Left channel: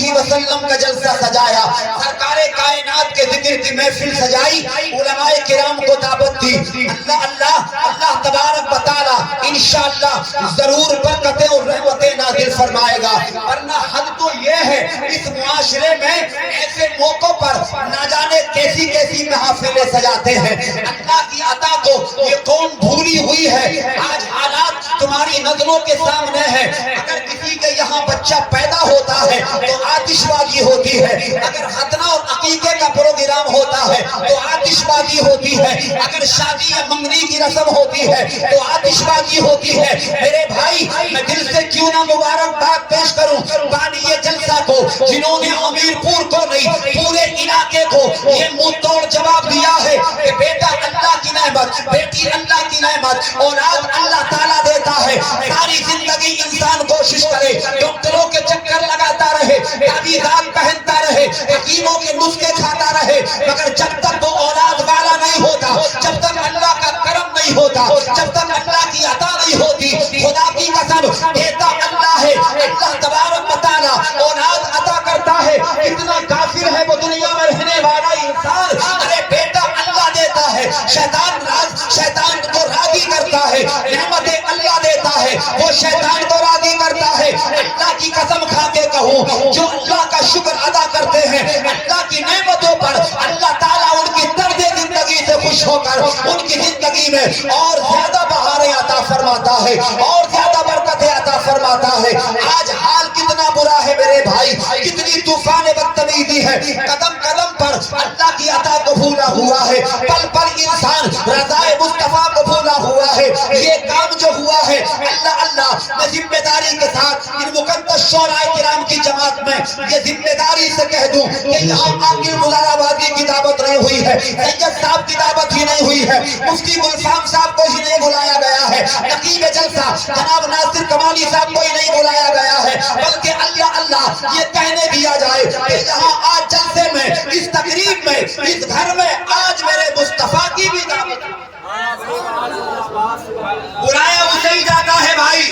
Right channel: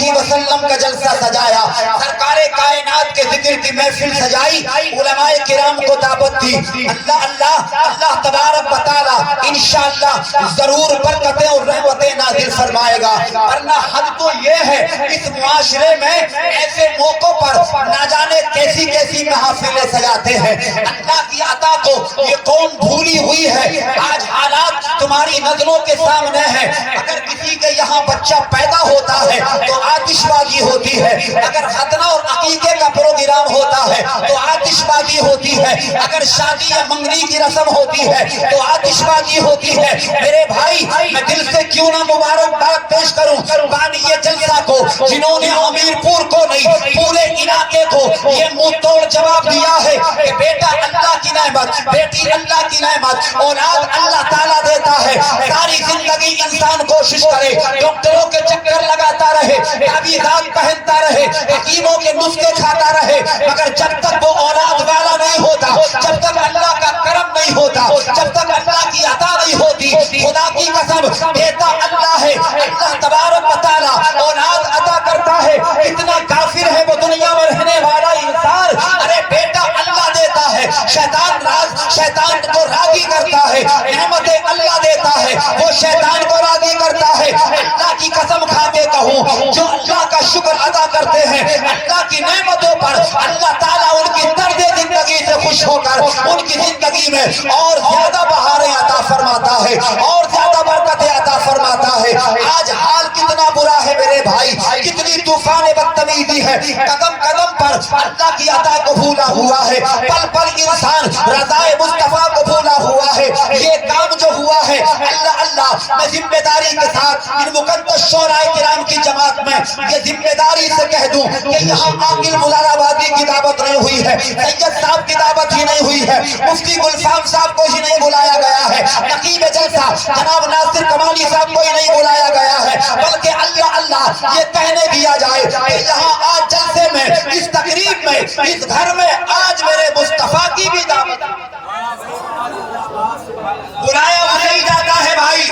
علیہ وسلم کا جلسہ سجایا، سرکار کائنات کے ذکر کی محفل سجائی، علماء کرام کو دعوت دی۔ اللہ تبارک و تعالی انشاءاللہ ضرور برکتیں اور رحمتیں نازل فرمائے گا، ورنہ حد تو یہ ہے اس معاشرے میں ایسے موقعوں پر نہ جانے کیسی کیسی محافلیں سجاتے ہیں۔ اللہ کی عطا کو یہ قوم بھولی ہوئی ہے۔ آج حالات تمہاری نظروں کے سامنے ہے، اگر کسی کے یہاں بچہ پیدا ہوتا ہے تو آتش بازی ہوتی ہے، اگر ختنہ اور عقیقے کا پروگرام ہوتا ہے تو آتش بازی ہوتی ہے، اگر شادی یا منگنی کی رسم ہوتی ہے تو آتش بازی ہوتی ہے۔ میرے بھائی، میں دل سے کیوں نہ مبارکباد پیش کروں بانی جلسہ کو، جنہوں نے امیر پور کو نہیں پورے علاقے کو یہ منہ توڑ جواب دیا ہے کہ بیٹا اللہ کی نعمت، بیٹی اللہ کی نعمت، اولاد اللہ تعالیٰ دیتا ہے۔ ساری زندگی انسان کوشش کرے، ڈاکٹروں کے چکر لگاتا رہے، تعویذات پہنتا رہے، حکیموں کے نسخے کھاتا رہے، مگر جب تک وہ اولاد والا نہیں ہوتا، جب تک اللہ کا کرم نہیں ہوتا، جب تک اللہ کی عطا نہیں ہوتی، خدا کی قسم دیتا اللہ ہے۔ اللہ تبارک و تعالیٰ اولاد عطا کرتا ہے۔ اتنا کافر ہے وہ دنیا میں رہنے والا انسان، ارے بیٹا اللہ دیتا ہے، شیطان کو راضی کرتا ہے، نعمتیں اللہ دیتا ہے، وہ شیطان کو راضی کرتا ہے۔ اللہ کی قسم کھا کے کہوں، جو اللہ کا شکر ادا کرتے ہیں اللہ کی نعمتوں پر، اللہ تعالیٰ ان کی طرز زندگی سے خوش ہو کر ان کی زندگی میں اور زیادہ بہاریں عطا فرماتا ہے، اور زیادہ برکتیں عطا فرماتا ہے۔ آج حال کتنا برا ہے میرے بھائی، کتنی طوفان بدتمیزی ہے، قدم قدم پر اللہ کی عطا کو بھولا ہوا ہے، پل پل انسان رضائے مصطفیٰ کو بھولا ہوا ہے۔ یہ کام جو ہوا ہے اللہ میں ذمہ داری کے ساتھ ان مقدس شعراء کرام کی جماعت میں یہ ذمہ داری سے کہہ دوں کہ یہاں عاقل مولانا آبادی کی دعوت نہیں ہوئی ہے، سید صاحب کی دعوت ہی نہیں ہوئی ہے، مفتی گلفام صاحب کو ہی نہیں بلایا گیا ہے، نقیب جلسہ جناب ناصر کمالی صاحب کو ہی نہیں بلایا گیا ہے، بلکہ اللہ یہ کہنے دیا جائے کہ یہاں آج جلسے میں، اس تقریب میں، اس گھر میں آج میرے مصطفیٰ کی بھی دعوت بلایا اسے ہی جاتا ہے بھائی۔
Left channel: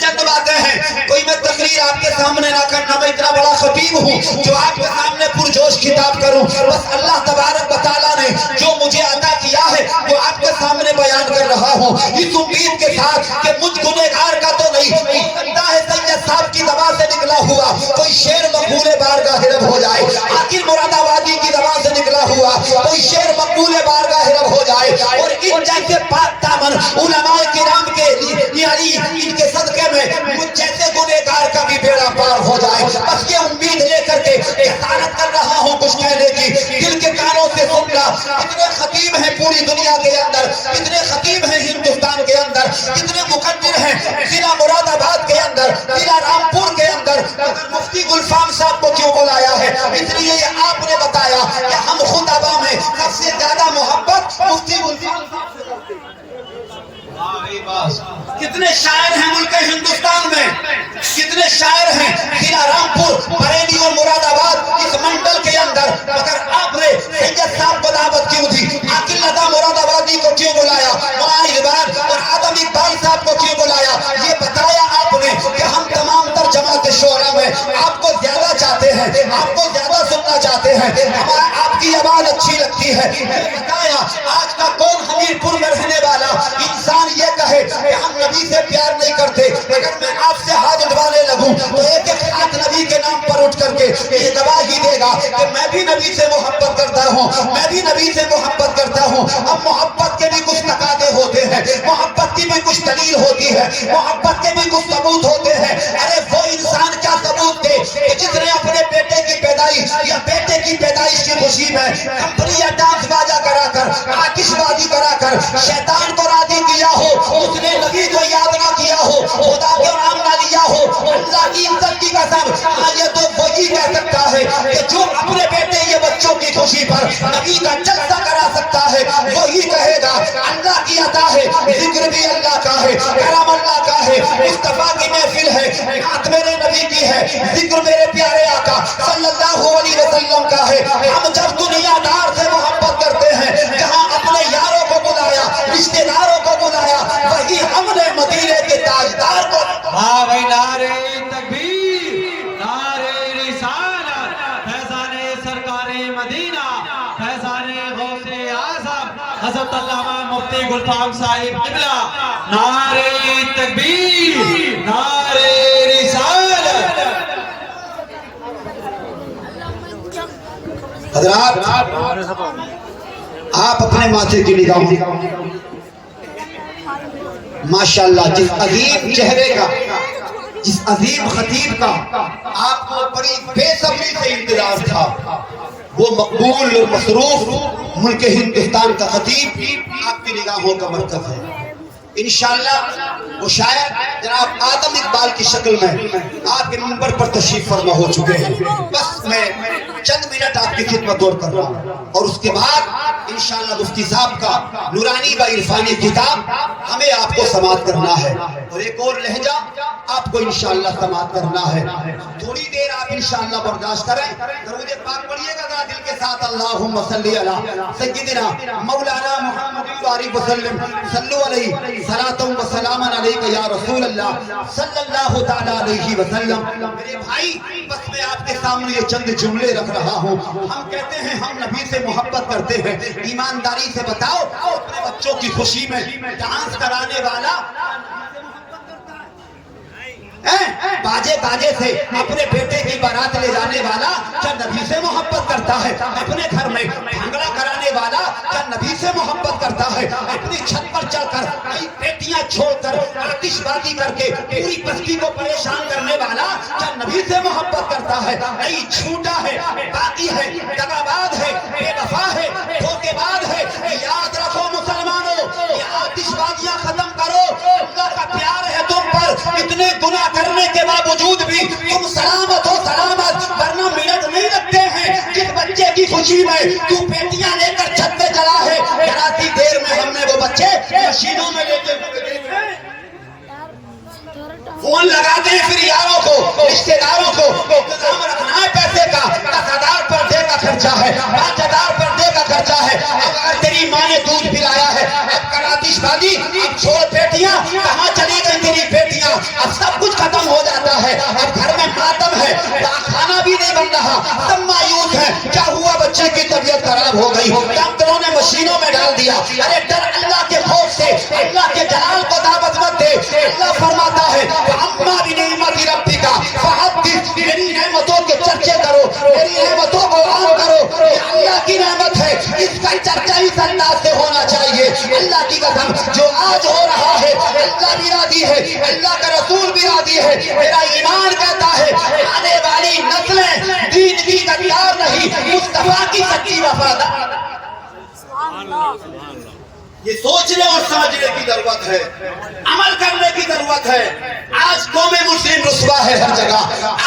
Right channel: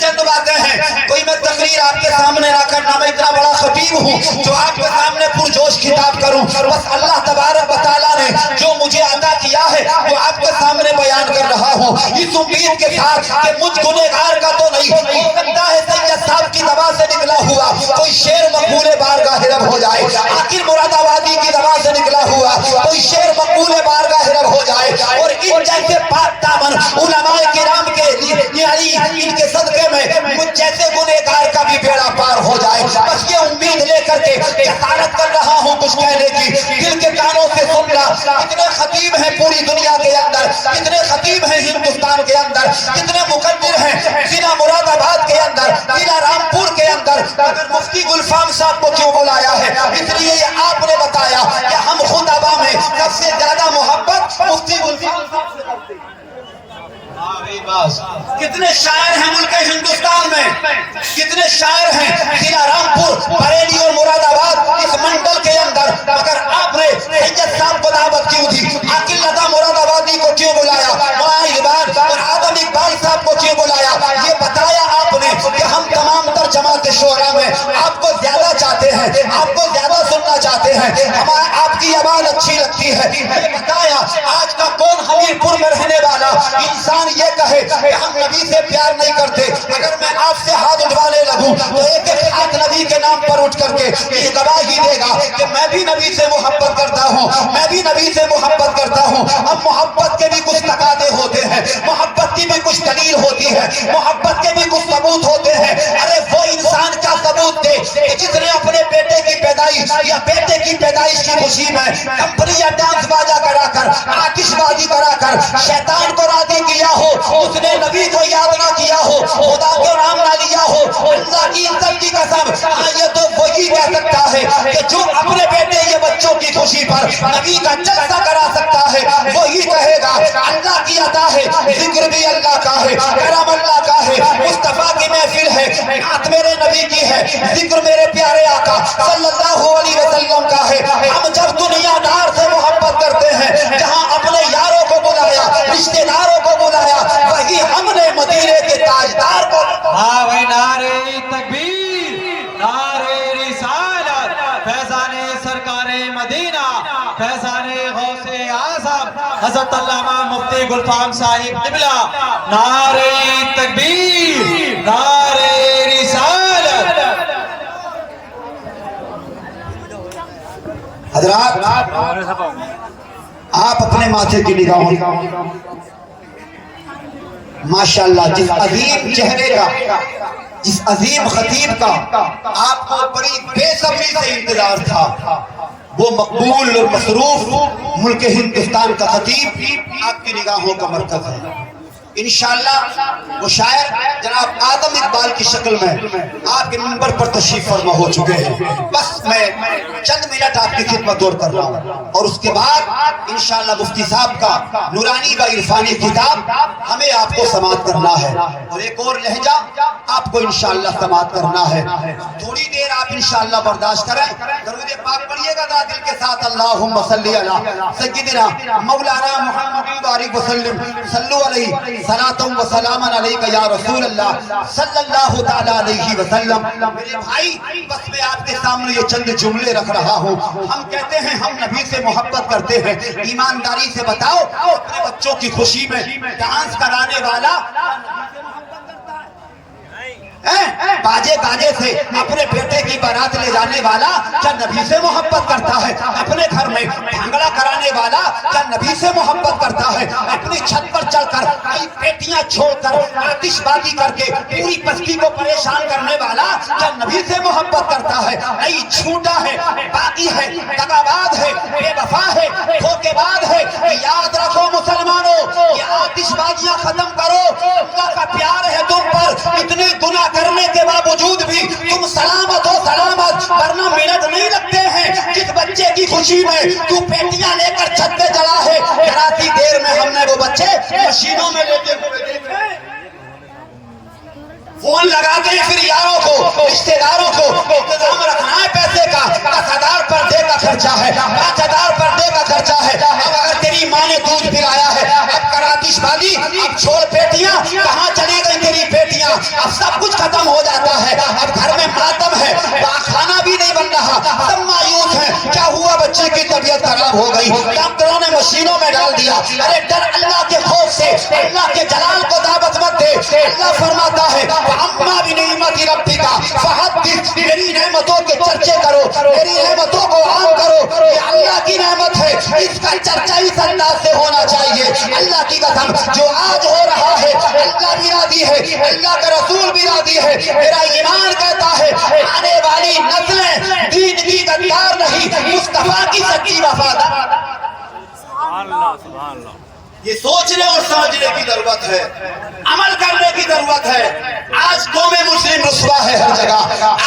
چند باتیں ہیں، کوئی میں تقریر آپ کے سامنے نہ کرنا، میں اتنا بڑا خطیب ہوں جو آپ کے سامنے پرجوش خطاب کروں، بس اللہ تبارک و تعالیٰ نے جو مجھے عطا کیا ہے وہ آپ کے سامنے بیان کر رہا ہوں، اس امید کے ساتھ کہ مجھ گنہگار کا تو نہیں، ہو سکتا ہے سید صاحب کی زبان سے نکلا ہوا کوئی شعر مقبول بارگاہ رب ہو جائے، عاقل مراد آبادی کی زبان سے نکلا ہوا کوئی شعر مقبول بارگاہ رب ہو جائے، اور ان جیسے پاک دامن علماء کرام کے ان کے صدقے میں مجھ جیسے گنہگار کا بھی بیڑا پار ہو جائے۔ بس یہ امید لے کر کے جسارت کر رہا ہوں کچھ کہنے کی، دل کے کانوں سے سننا۔ کتنے خطیب ہیں پوری دنیا کے اندر، کتنے خطیب ہیں ہندوستان کے اندر، کتنے مقدر ہیں ضلع مراد آباد کے اندر، ضلع رامپور کے اندر، مفتی گلفام صاحب کو کیوں بلایا ہے؟ اس لیے آپ نے بتایا کہ ہم خود عوام میں سب سے زیادہ محبت مفتی گلفام صاحب سے کرتے ہیں۔ کتنے شاعر ہیں ملک ہندوستان میں، کتنے شاعر ہیں ضلع رامپور، بریلی اور مراد آباد اس منڈل کے اندر، مگر آپ نے سید صاحب کو دعوت کیوں دی؟ عاقل رضا مراد آبادی کو کیوں بلایا؟ مولانا اور آدم اقبال صاحب کو کیوں بلایا؟ یہ بتایا آپ نے کہ ہم تمام تر جماعت شعراء میں آپ کو زیادہ چاہتے ہیں، آپ کو زیادہ سننا چاہتے ہیں، ہمارا آپ کی آواز اچھی لگتی ہے۔ یہ بتایا آج کا کون حمیر پور میں رہنے والا انسان یہ کہے کہ ہم نبی سے پیار نہیں کرتے، اگر میں آپ سے ہاتھ اٹھانے لگوں تو ایک ایک ہاتھ نبی کے نام پر اٹھ کر کے یہ گواہی دے گا کہ میں بھی نبی سے محبت کرتا ہوں، میں بھی نبی سے محبت کرتا ہوں۔ اب محبت کے بھی کچھ تقاضے ہوتے ہیں، محبت کی بھی کچھ دلیل ہوتی ہے، محبت کے بھی کچھ ثبوت ہوتے ہیں۔ ارے وہ انسان کیا ثبوت دے کہ جس نے اپنے بیٹے کی پیدائش یا بیٹے کی پیدائش کی خوشی میں کمپنی یا ڈانس باجا کرا کر، آتش بازی کرا کر شیطان کو راضی کیا ہو، اس نے نبی کو یاد نہ کیا ہو، خدا کو نام نہ لیا ہو، اللہ کی عزت کی قسم یہ تو وہی کہہ سکتا ہے کہ جو اپنے بیٹے کے بچوں کی خوشی پر نبی کا جلسہ کرا سکتا ہے وہی کہے گا اللہ کی عطا ہے، ذکر بھی اللہ کا ہے، کرم اللہ کا ہے، مصطفیٰ کی محفل ہے، بات میرے نبی کی ہے، ذکر میرے پیارے آقا صلی اللہ علیہ وسلم کا ہے۔ ہم جب دنیا دار سے محبت کرتے ہیں، جہاں اپنے یاروں کو بلایا، رشتے داروں کو بلایا، وہی ہم نے مدینے کے تاجدار کو نعرے تکبیر، نعرے رسالت فیضان سرکار مدینہ فیضان غوث اعظم حضرت علامہ مفتی گلفام صاحب قبلہ نعرہ تکبیر نعرہ رسالت۔ حضرات آپ اپنے ماتھے کی نگاہوں ماشاءاللہ جس عظیم چہرے کا جس عظیم خطیب کا آپ کو بڑی بے صبری سے انتظار تھا، وہ مقبول اور مصروف ملک ہندوستان کا خطیب آپ کی نگاہوں کا مرکز ہے۔ انشاءاللہ وہ شاعر جناب آدم اقبال کی شکل میں آپ کے منبر پر تشریف فرما ہو چکے ہیں۔ بس میں چند منٹ آپ کی خدمت اور کر رہا ہوں، اور اس کے بعد انشاءاللہ مفتی صاحب کا نورانی و عرفانی کتاب ہمیں آپ کو سماعت کرنا ہے، اور ایک اور لہجہ آپ کو انشاءاللہ سماعت کرنا ہے۔ تھوڑی دیر آپ انشاءاللہ برداشت کریں، درود پاک پڑھیے گا ذرا دل کے ساتھ، اللہم صلی علی سیدنا مولانا محمد وآلہ وسلم، صلو علیہ صلاۃ و سلام علیک یا رسول اللہ صلی اللہ تعالی علیہ وسلم۔ میرے بھائی بس میں آپ کے سامنے یہ چند جملے رکھ رہا ہوں۔ ہم کہتے ہیں ہم نبی سے محبت کرتے ہیں، ایمانداری سے بتاؤ اپنے بچوں کی خوشی میں ڈانس کرانے والا باجے گاجے سے اپنے بیٹے کی بارات لے جانے والا کیا نبی سے محبت کرتا ہے؟ اپنے گھر میں بھانگڑا کرانے والا کیا نبی سے محبت کرتا ہے؟ اپنی چھت پر چڑھ کر کئی بیٹیاں چھوڑ کر آتش بازی کر کے پوری بستی کو پریشان کرنے والا کیا نبی سے محبت کرتا ہے؟ نہیں، جھوٹا ہے، باقی ہے، دغاباز ہے، بے وفا ہے، دھوکے باز ہے۔ یاد رکھو مسلمانوں، یہ آتش بازیاں ختم کرو، اللہ کا پیار ہے تم پر، اتنے گناہ کرنے کے باوجود بھی تم سلامت ہو سلامت، ورنہ منٹ نہیں رکھتے ہیں۔ جس بچے کی خوشی میں تو پیٹیاں لے کر چھت پہ چلا ہے، ذرا سی دیر میں ہم نے وہ بچے مشینوں میں لے کے فون لگاتے ہیں پھر یاروں کو رشتے داروں کو انتظام رکھنا ہے پیسے کا، 10,000 پردے کا خرچہ ہے، 5,000 پردے کا خرچہ ہے۔ اب اگر تیری ماں نے دودھ پلایا ہے، اب کر آتش بازی، اب چھوڑ بیٹیاں، کہاں چلی گئی تیری بیٹیاں؟ اب سب کچھ ختم ہو جاتا ہے، اب گھر میں ماتم ہے، کھانا بھی نہیں بن رہا، سب مایوس ہے۔ کیا ہوا؟ بچے کی طبیعت خراب ہو گئی، ڈاکٹروں نے مشینوں میں ڈال دیا۔ ارے ڈر اللہ کے خوف سے، اللہ کے جلال کو دعوت مت دے۔ اللہ فرماتا ہے اما بنعمت ربک فحدث، میری نعمتوں کے چرچے کرو، میری نعمتوں کو عام کرو۔ یہ اللہ کی نعمت ہے، اس کا چرچا اس انداز سے ہونا چاہیے۔ اللہ کی قسم جو آج ہو رہا ہے اللہ بھی راضی ہے، اللہ کا رسول بھی راضی ہے۔ میرا ایمان کہتا ہے آنے والی نسلیں دین کی غدار نہیں، مصطفیٰ کی سچی وفادار۔ یہ سوچنے اور سمجھنے کی ضرورت ہے، عمل کرنے کی ضرورت ہے۔ آج قوم مسلم رسوا ہے ہر جگہ،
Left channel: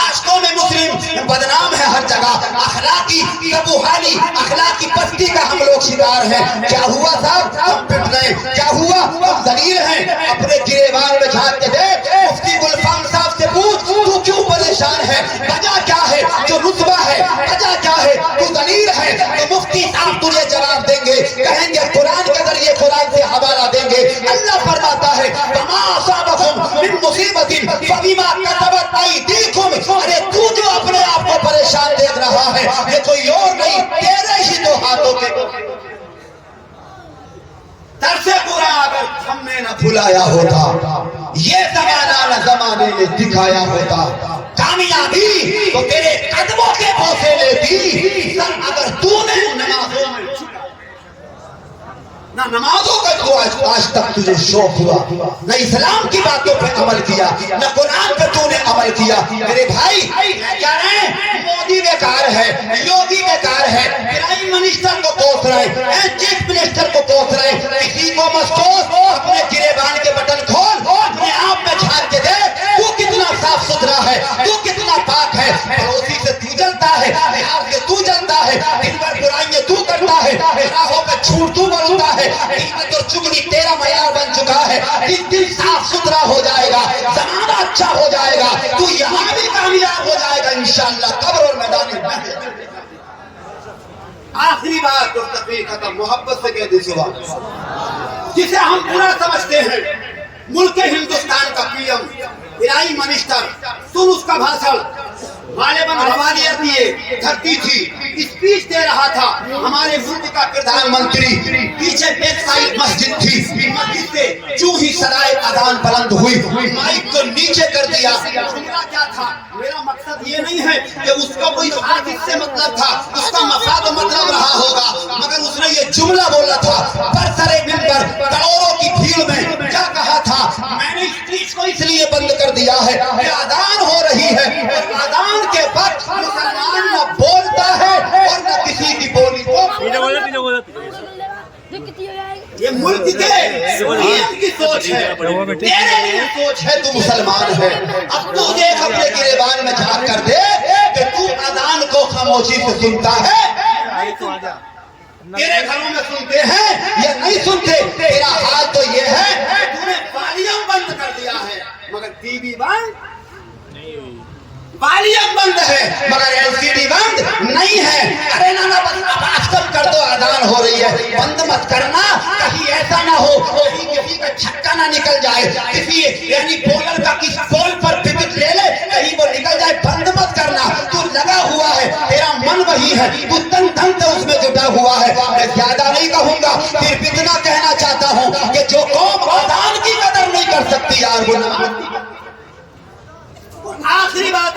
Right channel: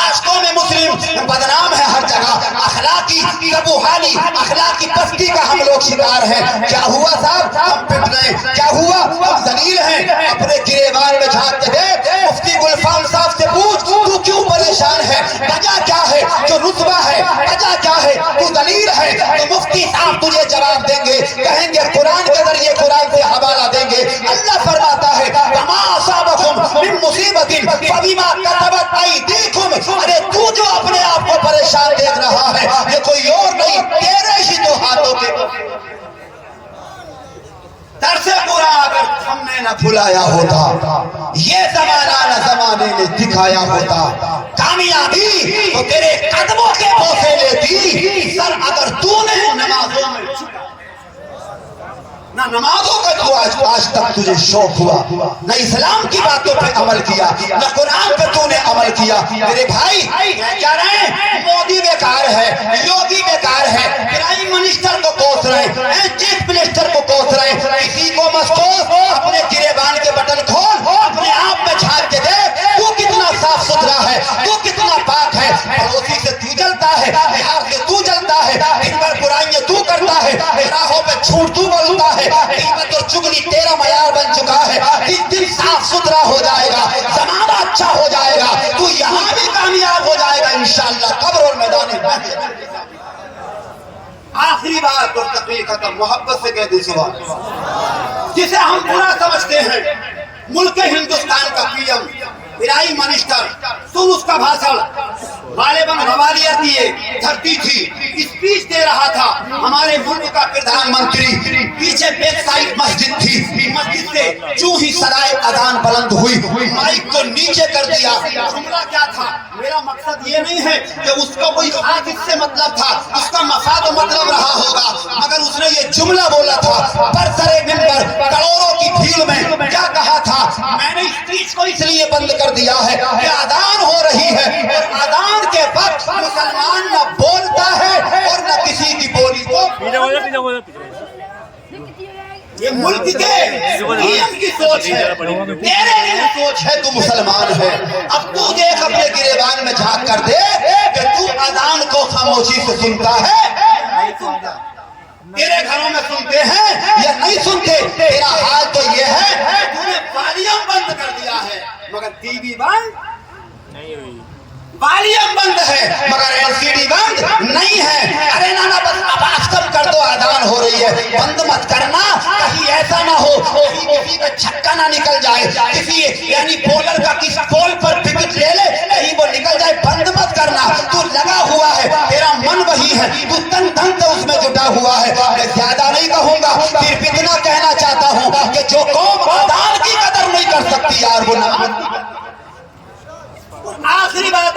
آج قوم مسلم بدنام ہے ہر جگہ، اخلاقی تبوحالی، اخلاقی پستی کا ہم لوگ شکار ہیں۔ کیا ہوا صاحب؟ ہم پٹ گئے۔ کیا ہوا؟ ہم ذلیل ہیں۔ اپنے گریبان میں جھانک کے دیکھ، مفتی گلفام صاحب سے پوچھ تو کیوں پریشان ہے؟ وجہ کیا ہے جو رسوا ہے؟ وجہ کیا ہے تو ذلیل ہے؟ تو مفتی صاحب تجھے جواب دیں گے، کہیں گے قرآن کے ذریعے قرآن سے حوالہ دیں گے۔ اللہ فرماتا ہے وما اصابکم من مصیبت فبما کسبت ایدیکم۔ ارے تو جو اپنے آپ کو پریشان دیکھ رہا ہے یہ کوئی اور نہیں، تیرے ہی تو ہاتھوں کے درس قرآن اگر ہم نے نہ بھلایا ہوتا، یہ زمانہ نہ زمانے نے دکھایا ہوتا، کامیابی تو تیرے قدموں کے بوسے لیتی۔ سر اگر تو نے نمازوں میں نہ نمازوں کا تو آج تک تجھے شوق ہوا، نہ اسلام کی باتوں پہ عمل کیا، نہ قرآن پہ تو نے عمل کیا۔ میرے بھائی کیا رہے ہیں؟ مودی بیکار ہے، یوگی بیکار ہے، پرائم منسٹر کو کوس رہے، چیف منسٹر کو کوس رہے۔ کسی کو مستوس اپنے گریبان کے بٹن کھول، اپنے آپ میں جھانک کے دیکھ تو کتنا صاف ستھرا ہے، تو کتنا پاک ہے۔ پڑوسی سے تو جلتا ہے، بہار سے تو جلتا ہے، دن بھر برائیاں تو کرتا ہے، راہوں پہ جھوٹ تو بولتا ہے، قیمت اور چگلی تیرا معیار بن چکا ہے۔ دل صاف ستھرا ہو جائے گا، زمانہ اچھا ہو جائے گا، تو یہاں بھی کامیاب ہو جائے گا انشاءاللہ، قبر اور میدان محشر۔ آخری بات اور تقریر ختم، محبت سے کہہ دے سوال جسے ہم برا سمجھتے ہیں، ملک ہندوستان کا پی ایم، پرائم منسٹر، سن اس کا بھاشن، غالباً روالیہ دیے دھرتی تھی اسپیچ دے رہا تھا ہمارے ملک کا پردھان منتری پیچھے بیک سائڈ مسجد تھی مسجد سے چوں ہی صدائے اذان بلند ہوئی مائک کو نیچے کر دیا جملہ کیا تھا میرا مقصد یہ نہیں ہے کہ اس کو کوئی خاص اس سے مطلب تھا اس کا مفاد و مطلب رہا ہوگا مگر اس نے یہ جملہ بولا تھا برسر ممبر کروڑوں کی بھیڑ میں کیا کہا تھا میں نے اسپیچ کو اس لیے بند کر دیا ہے کہ اذان ہو رہی ہے اور اذان کے وقت مسلمان نہ بولتا ہے اور نہ کسی کی بولی کو یہ ملک کے نیم کی سوچ ہے تیرے لیے سوچ ہے تو مسلمان ہے اب تو دیکھ اپنے گریبان میں جھانک کر دے کہ تو اذان کو خاموشی سے سنتا ہے تیرے گھروں میں سنتے ہیں یا نہیں سنتے تیرا حال تو یہ ہے تو نے والیوم بند کر دیا ہے مگر ٹی وی بند والیوم بند ہے مگر ایل سی ڈی بند نہیں ہے ارے نانا بس آواز کم کر دو اذان ہو رہی ہے بند مت کرنا کہیں ایسا نہ ہو کہیں کسی کا چھکا نہ نکل جائے کسی یعنی بولر کا کسی بول پر وکٹ لے لے کہیں وہ نکل جائے بند مت کرنا تو لگا ہوا ہے تیرا من وہی ہے تو تن تن سے اس میں جٹا ہوا ہے میں زیادہ نہیں کہوں گا صرف اتنا کہنا چاہتا ہوں کہ جو قوم اذان کی قدر نہیں کر سکتی یار وہ نماز آخری بات